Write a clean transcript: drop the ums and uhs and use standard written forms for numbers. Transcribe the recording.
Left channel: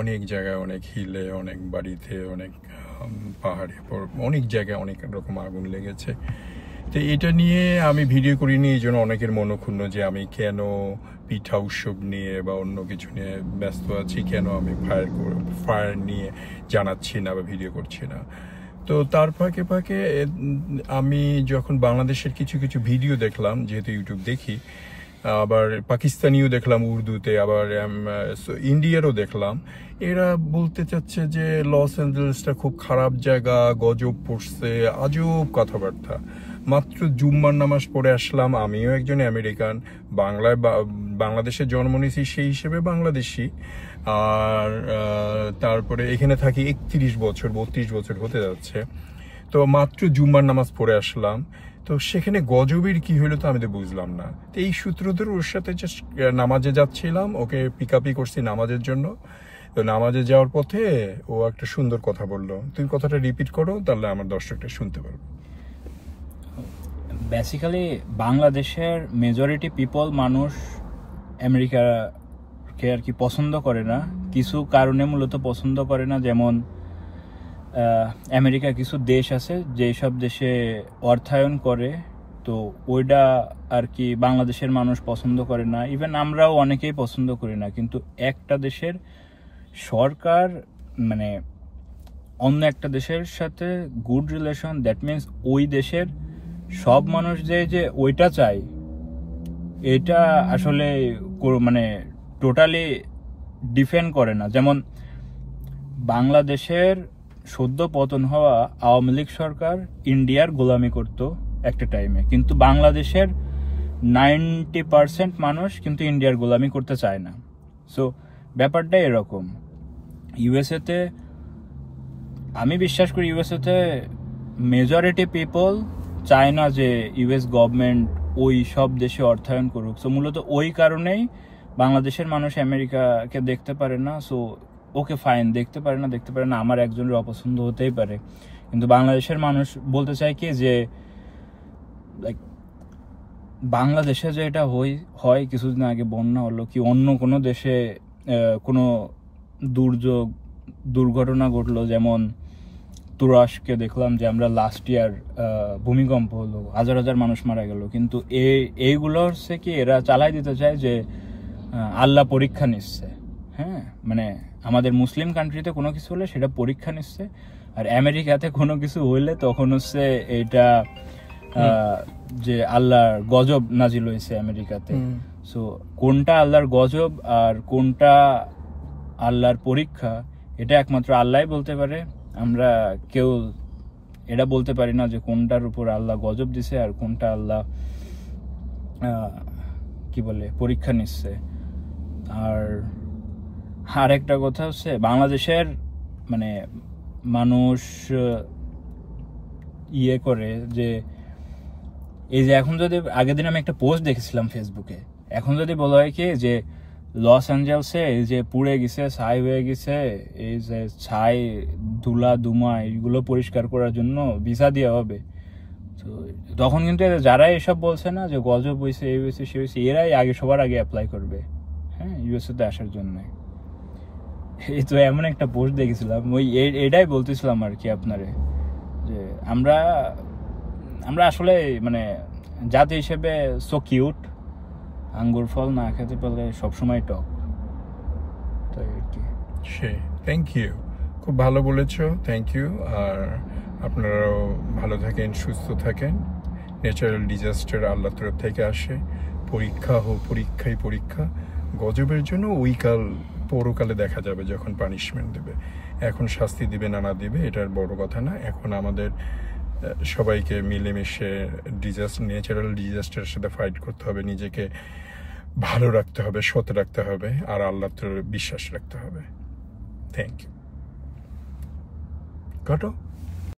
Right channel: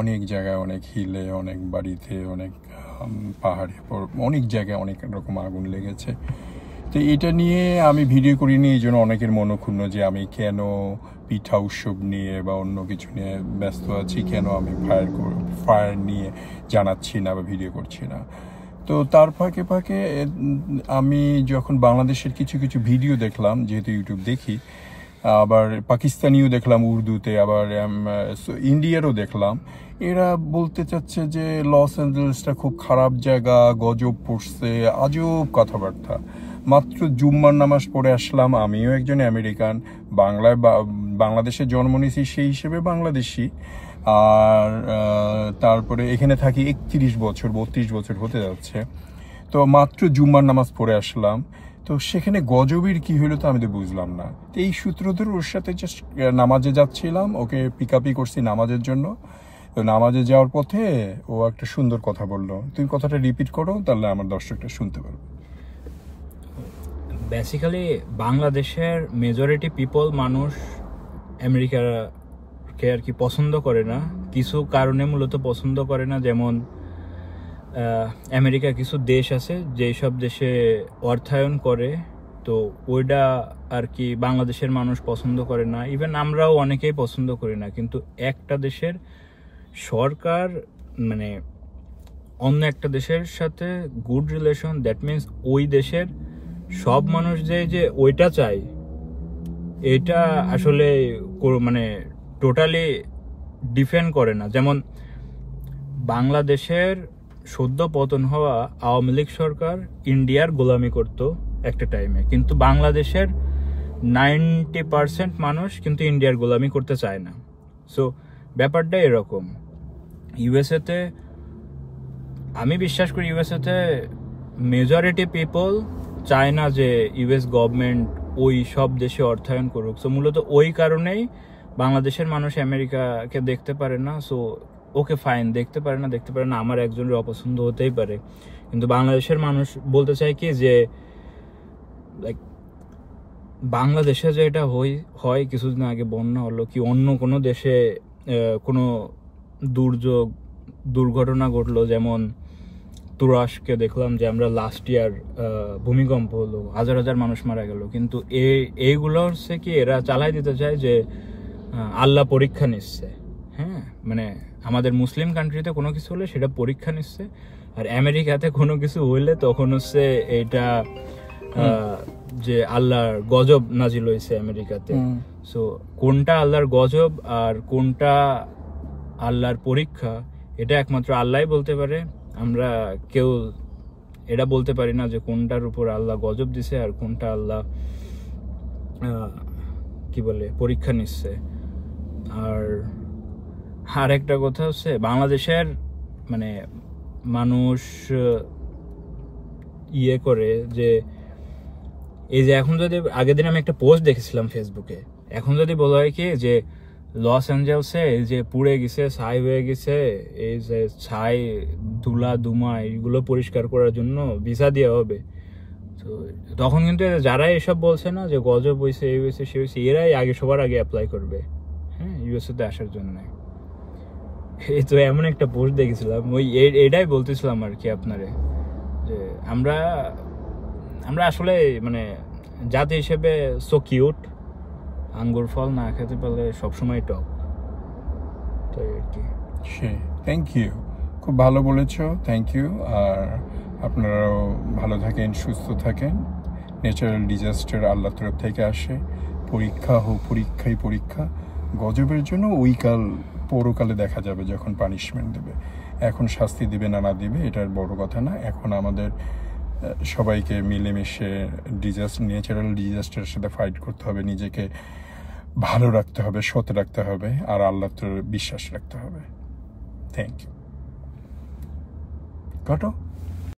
অনেক জায়গায়, অনেক হিলে, অনেক বাড়িতে, অনেক পাহাড়ে, অনেক জায়গায় অনেক রকম আগুন লেগেছে। তো এটা নিয়ে আমি ভিডিও করিনি, এই জন্য অনেকের মনক্ষুণ্ণ যে আমি কেন পিঠা উৎসব নিয়ে বা অন্য কিছু নিয়ে ব্যস্ত আছি, কেন আমি ফায়ার নিয়ে জানাচ্ছি না বা ভিডিও করছি না। তো তার ফাঁকে ফাঁকে আমি যখন বাংলাদেশের কিছু কিছু ভিডিও দেখলাম, যেহেতু ইউটিউব দেখি, আবার পাকিস্তানিও দেখলাম উর্দুতে, আবার ইন্ডিয়ারও দেখলাম, এরা বলতে চাচ্ছে যে লস অ্যাঞ্জেলেসটা খুব খারাপ জায়গা, গজব পড়ছে, আজব কথাবার্তা। মাত্র জুম্মার নামাজ পড়ে আসলাম, আমিও একজন আমেরিকান, বাংলাদেশে জন্ম নিয়েছি, সেই হিসেবে বাংলাদেশি। আর তারপরে এখানে থাকি 31 বছর, 32 বছর হতে যাচ্ছে। তো মাত্র জুম্মার নামাজ পড়ে আসলাম, তো সেখানে গজবের কি হলো তো আমি তো বুঝলাম না। তো এই সূত্র ধরে ওর সাথে জাস্ট নামাজে যাচ্ছিলাম, ওকে পিকআপই করছি নামাজের জন্য। তো নামাজে যাওয়ার পথে ও একটা সুন্দর কথা বললো, তুই কথাটা রিপিট করো, তাহলে আমার দর্শকটা শুনতে পারবে। বেসিক্যালি বাংলাদেশের মেজরিটি পিপল, মানুষ আমেরিকাকে আর কি পছন্দ করে না, কিছু কারণে মূলত পছন্দ করে না। যেমন আমেরিকা কিছু দেশ আছে যেসব দেশে অর্থায়ন করে, তো ওইটা আর কি বাংলাদেশের মানুষ পছন্দ করে না, ইভেন আমরাও অনেকেই পছন্দ করি না। কিন্তু একটা দেশের সরকার মানে অন্য একটা দেশের সাথে গুড রিলেশন, দ্যাট মিনস ওই দেশের সব মানুষ যে ওইটা চায়, এটা আসলে মানে টোটালি ডিফেন্ড করে না। যেমন বাংলাদেশের সদ্য পতন হওয়া আওয়ামী লীগ সরকার ইন্ডিয়ার গোলামি করত একটা টাইমে, কিন্তু বাংলাদেশের 90% মানুষ কিন্তু ইন্ডিয়ার গোলামি করতে চায় না। সো ব্যাপারটা এরকম। ইউএসএতে আমি বিশ্বাস করি, ইউএসএতে মেজরিটি পিপল চায় না যে ইউএস গভর্নমেন্ট ওই সব দেশে অর্থায়ন করুক। সো মূলত ওই কারণেই বাংলাদেশের মানুষ আমেরিকাকে দেখতে পারে না। সো ওকে ফাইন, দেখতে পারে না, আমার একজনের অপছন্দ হতেই পারে। কিন্তু বাংলাদেশের মানুষ বলতে চায় কি যে লাইক বাংলাদেশে যে এটা হয় কিছুদিন আগে বন্যা হলো, কি অন্য কোনো দেশে কোনো দুর্ঘটনা ঘটলো, যেমন তুরস্কে দেখলাম যে আমরা লাস্ট ইয়ার ভূমিকম্প হলো, হাজার হাজার মানুষ মারা গেল, কিন্তু এইগুলো হচ্ছে কি এরা চালাই দিতে চায় যে আল্লাহ পরীক্ষা নিচ্ছে। হ্যাঁ, মানে আমাদের মুসলিম কান্ট্রিতে কোনো কিছু হলে সেটা পরীক্ষা নিচ্ছে, আর আমেরিকাতে কোনো কিছু হইলে তখন হচ্ছে এটা যে আল্লাহর গজব নাজিল হয়েছে আমেরিকাতে। সো কোনটা আল্লাহর গজব আর কোনটা আল্লাহর পরীক্ষা, এটা একমাত্র আল্লাহই বলতে পারে। আমরা কেউ এটা বলতে পারি না যে কোনটার উপর আল্লাহ গজব দিছে আর কোনটা আল্লাহ কি বলে পরীক্ষা নিচ্ছে। আর একটা কথা হচ্ছে, বাংলাদেশের মানে মানুষ ইয়ে করে যে এই যে এখন যদি আগের দিন আমি একটা পোস্ট দেখেছিলাম ফেসবুকে, এখন যদি বলা হয় কি যে লস অ্যাঞ্জেলসে এই যে পুড়ে গেছে, ছাই হয়ে গেছে, এই যে ছাই ধুলা ধুমা এইগুলো পরিষ্কার করার জন্য ভিসা দেওয়া হবে, তো তখন কিন্তু যারা এসব বলছে না যে গজব হয়েছে, এই হয়েছে, সে হয়েছে, এরাই সবার আগে অ্যাপ্লাই করবে হ্যাঁ ইউএসএ তে আসার জন্য। এই তো এমন একটা পোস্ট দেখেছিলাম, ওই এটাই বলতেছিলাম আর কি আপনারে, যে আমরা আসলে মানে জাতি হিসেবে সো কিউট, আঙ্গুর ফল না খেতে পারলে সবসময় টক। তো আর কি। থ্যাংক ইউ, খুব ভালো বলেছো, থ্যাংক ইউ। আর আপনারাও ভালো থাকেন, সুস্থ থাকেন। ন্যাচারাল ডিজাস্টার আল্লাহর তরফ থেকে আসে, পরীক্ষা হোক, পরীক্ষা। গজবের জন্য ওইকাল পরকালে দেখা যাবে যখন পানিশমেন্ট দেবে। এখন শাস্তি দিবে না দিবে এটার বড় কথা না। এখন আমাদের সবাইকে মিলেমিশে ন্যাচারাল ডিজাস্টারের সাথে ফাইট করতে হবে, নিজেকে ভালো রাখতে হবে, সৎ রাখতে হবে, আর আল্লাহর বিশ্বাস রাখতে হবে। Thank you. ঘটো।